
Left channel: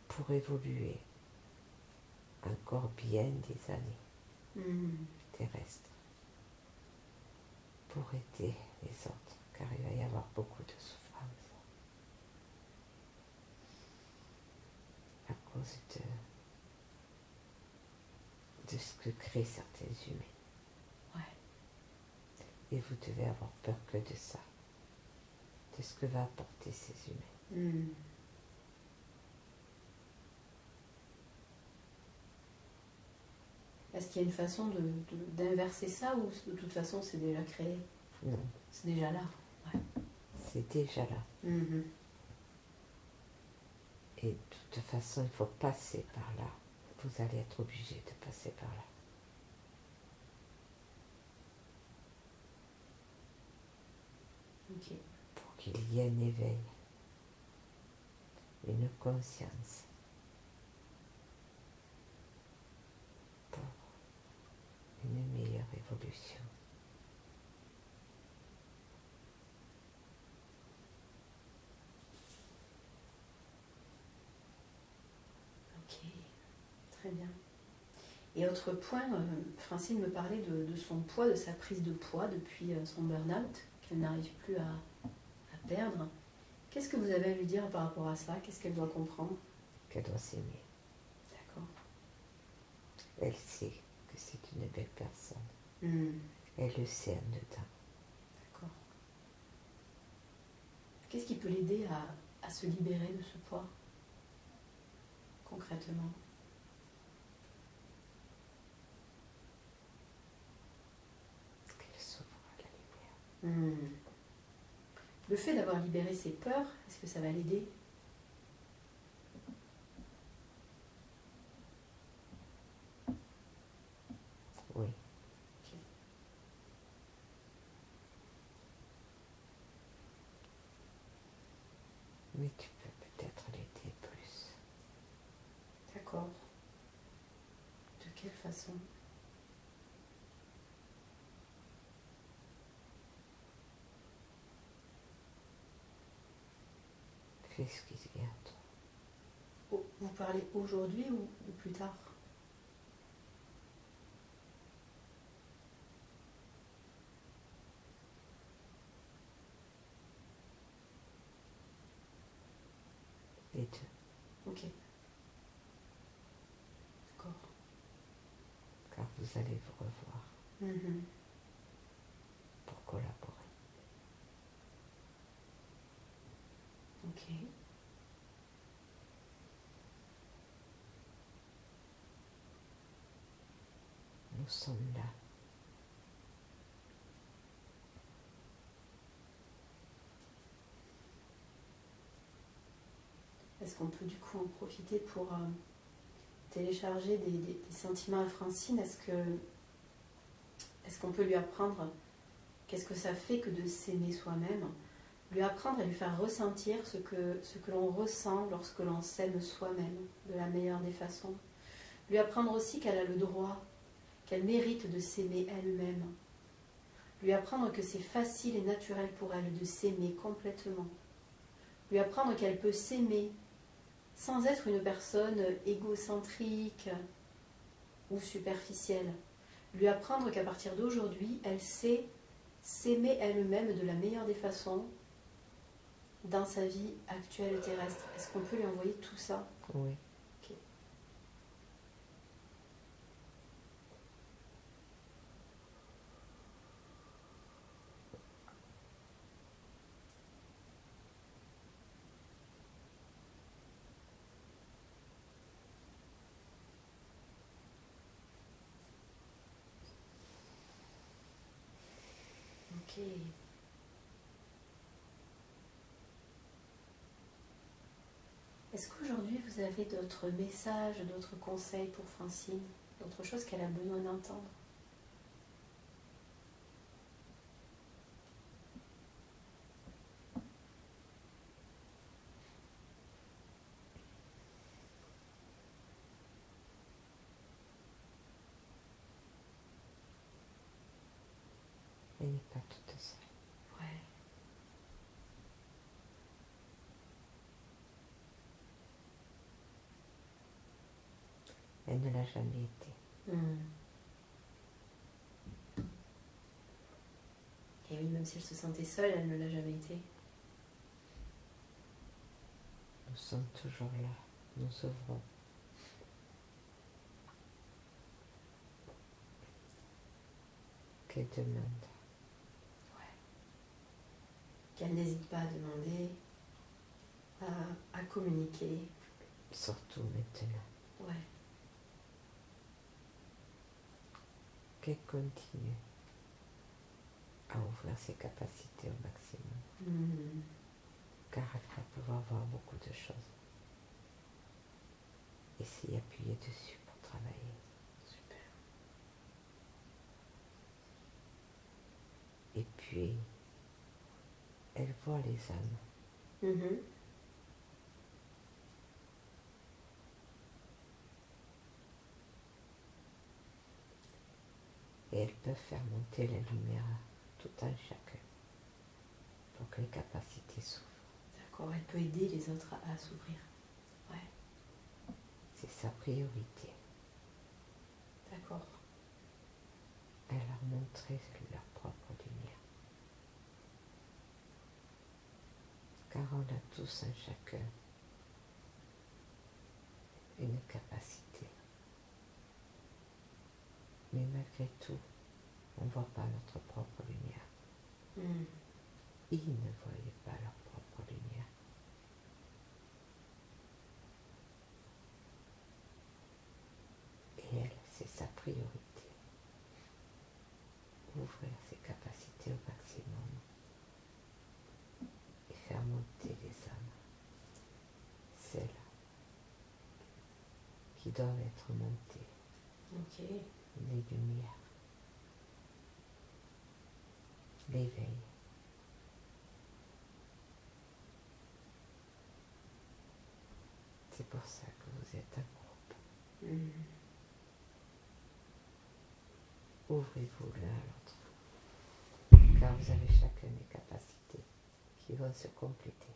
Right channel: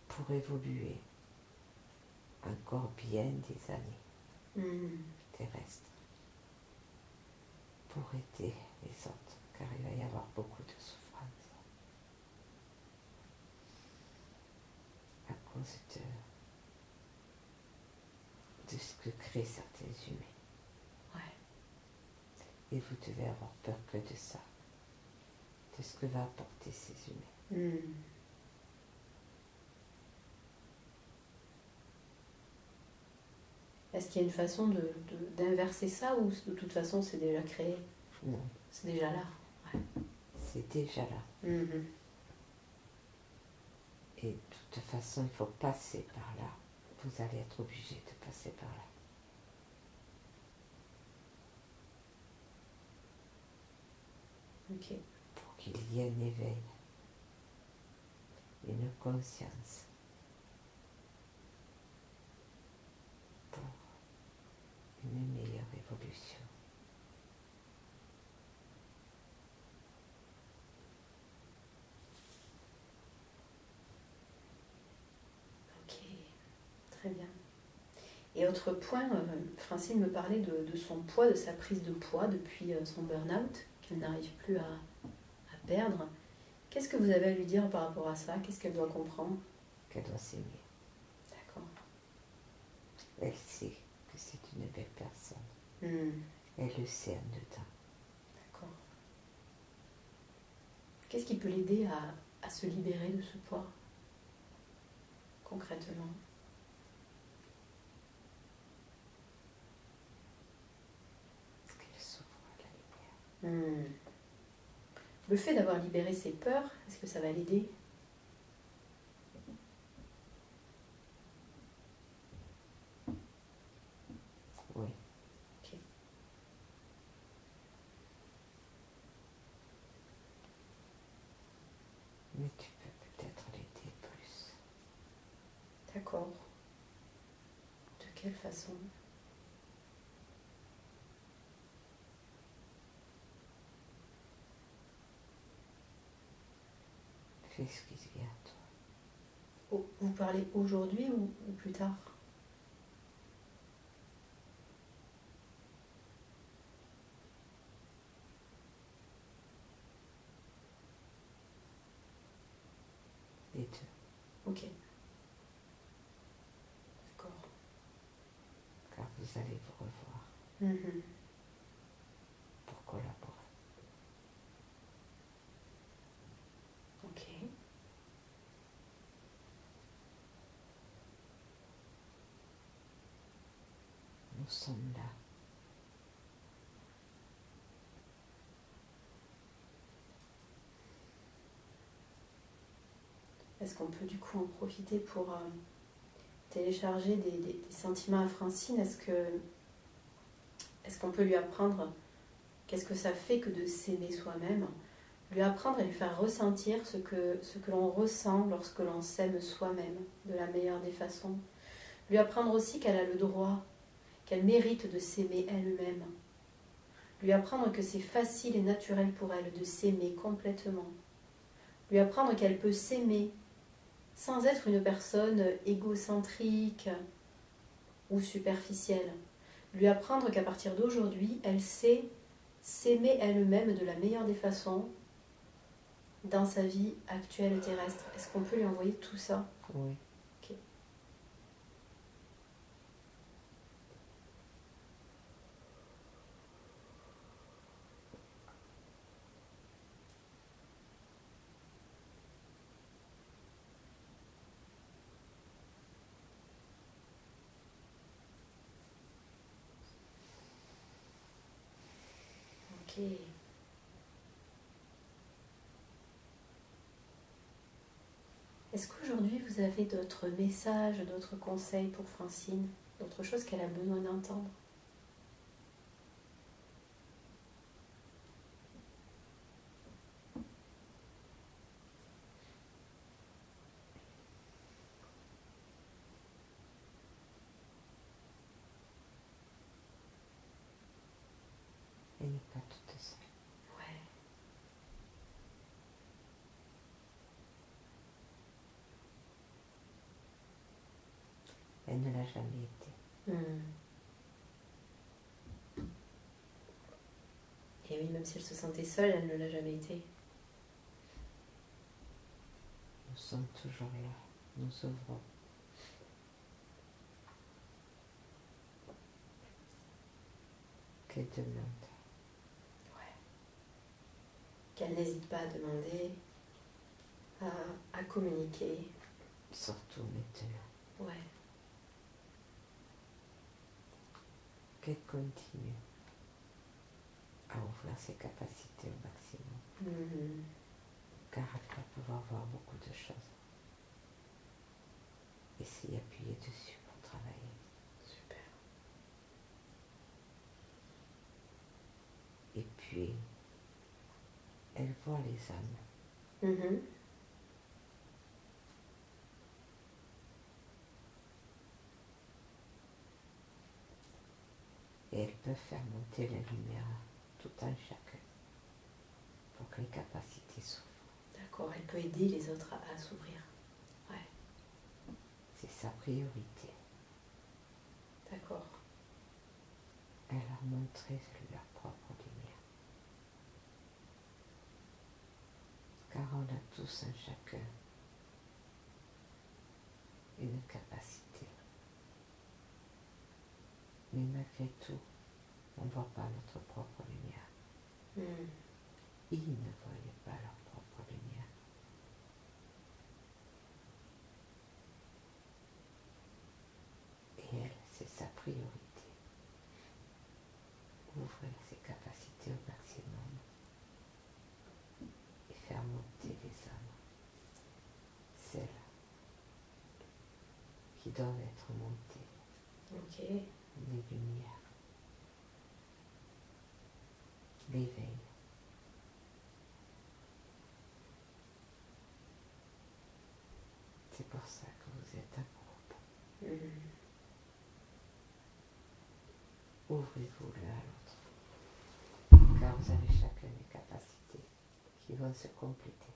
pour évoluer encore bien des années terrestres, pour aider les autres, car il va y avoir beaucoup de souffrance à cause de ce que créent certains humains. Ouais. Et vous devez avoir peur que de ça, de ce que va apporter ces humains. Est-ce qu'il y a une façon d'inverser ça ou de toute façon c'est déjà créé? Non. C'est déjà là. Ouais. C'est déjà là. Et de toute façon, il faut passer par là. Vous allez être obligé de passer par là. Ok. Pour qu'il y ait un éveil, une conscience, pour une meilleure évolution. Ok, très bien. Et autre point, Francine me parlait de son poids, de sa prise de poids depuis son burn-out, qu'elle n'arrive plus à perdre. Qu'est-ce que vous avez à lui dire par rapport à ça? Qu'est-ce qu'elle doit comprendre? Qu'elle doit s'aimer. D'accord. Elle sait que c'est une belle personne. Elle le sait en dedans. D'accord. Qu'est-ce qui peut l'aider à se libérer de ce poids, concrètement? Qu'elle s'ouvre à la lumière. Le fait d'avoir libéré ses peurs, est-ce que ça va l'aider? Oui. Okay. Mais tu peux peut-être l'aider. façon. Fais ce qui vient à toi. Vous parlez aujourd'hui ou plus tard? Les deux. Ok. D'accord. Car vous allez vous revoir pour collaborer. Ok. Nous sommes là. Est-ce qu'on peut du coup en profiter pour télécharger des sentiments à Francine? Est-ce qu'on peut lui apprendre qu'est-ce que ça fait que de s'aimer soi-même? Lui apprendre et lui faire ressentir ce que l'on ressent lorsque l'on s'aime soi-même de la meilleure des façons. Lui apprendre aussi qu'elle a le droit, qu'elle mérite de s'aimer elle-même. Lui apprendre que c'est facile et naturel pour elle de s'aimer complètement. Lui apprendre qu'elle peut s'aimer sans être une personne égocentrique ou superficielle. Lui apprendre qu'à partir d'aujourd'hui, elle sait s'aimer elle-même de la meilleure des façons dans sa vie actuelle terrestre. Est-ce qu'on peut lui envoyer tout ça? Oui. Ok. Ok. Est-ce qu'aujourd'hui vous avez d'autres messages, d'autres conseils pour Francine, d'autres choses qu'elle a besoin d'entendre? Elle n'est pas toute seule. Ouais. Elle ne l'a jamais été. Et oui, même si elle se sentait seule, elle ne l'a jamais été. Nous sommes toujours là. Nous ouvrons. Qu'elle demande. Ouais. Qu'elle n'hésite pas à demander, à communiquer. Surtout maintenant. Ouais. Qu'elle continue à ouvrir ses capacités au maximum. Car elle va pouvoir voir beaucoup de choses. Et s'y appuyer dessus pour travailler. Super. Et puis, elle voit les âmes. Et elles peuvent faire monter la lumière tout en chacun pour que les capacités s'ouvrent. D'accord, elle peut aider les autres à s'ouvrir. Ouais. C'est sa priorité. D'accord. Elle leur montrer leur propre lumière. Car on a tous en chacun une capacité. Mais malgré tout, on ne voit pas notre propre lumière. Ils ne voyaient pas leur propre lumière. Et elle, c'est sa priorité. Ouvrir ses capacités au maximum et faire monter les âmes. Celles qui doivent être montées. Ok. Les lumières. L'éveil. C'est pour ça que vous êtes un groupe. ouvrez-vous l'un à l'autre. Car vous avez chacun des capacités qui vont se compléter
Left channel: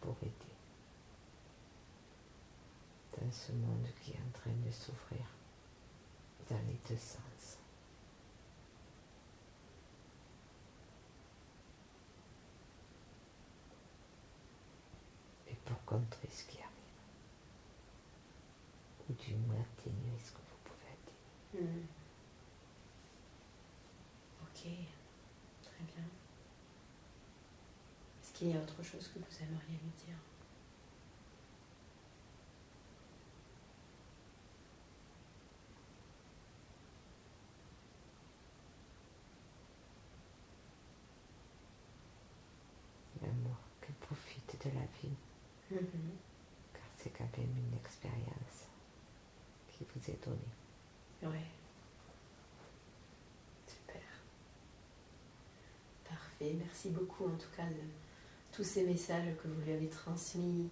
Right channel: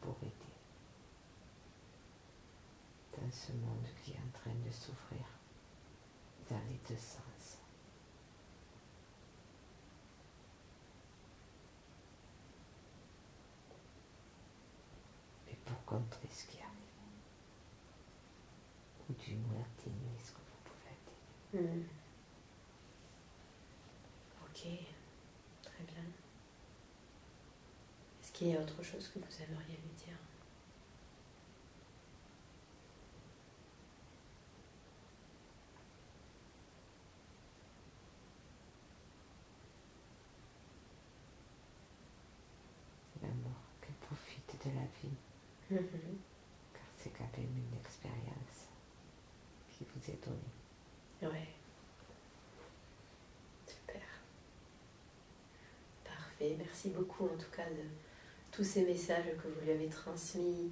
pour aider dans ce monde qui est en train de s'ouvrir dans les deux sens. Et pour contrer ce qui arrive, ou du moins atténuer ce que vous pouvez atténuer. Ok, très bien. Est-ce qu'il y a autre chose que vous aimeriez lui dire? L'amour, qu'elle profite de la vie, car c'est quand même une expérience qui vous est donnée. Ouais. Super. Parfait. Merci beaucoup en tout cas de tous ces messages que vous lui avez transmis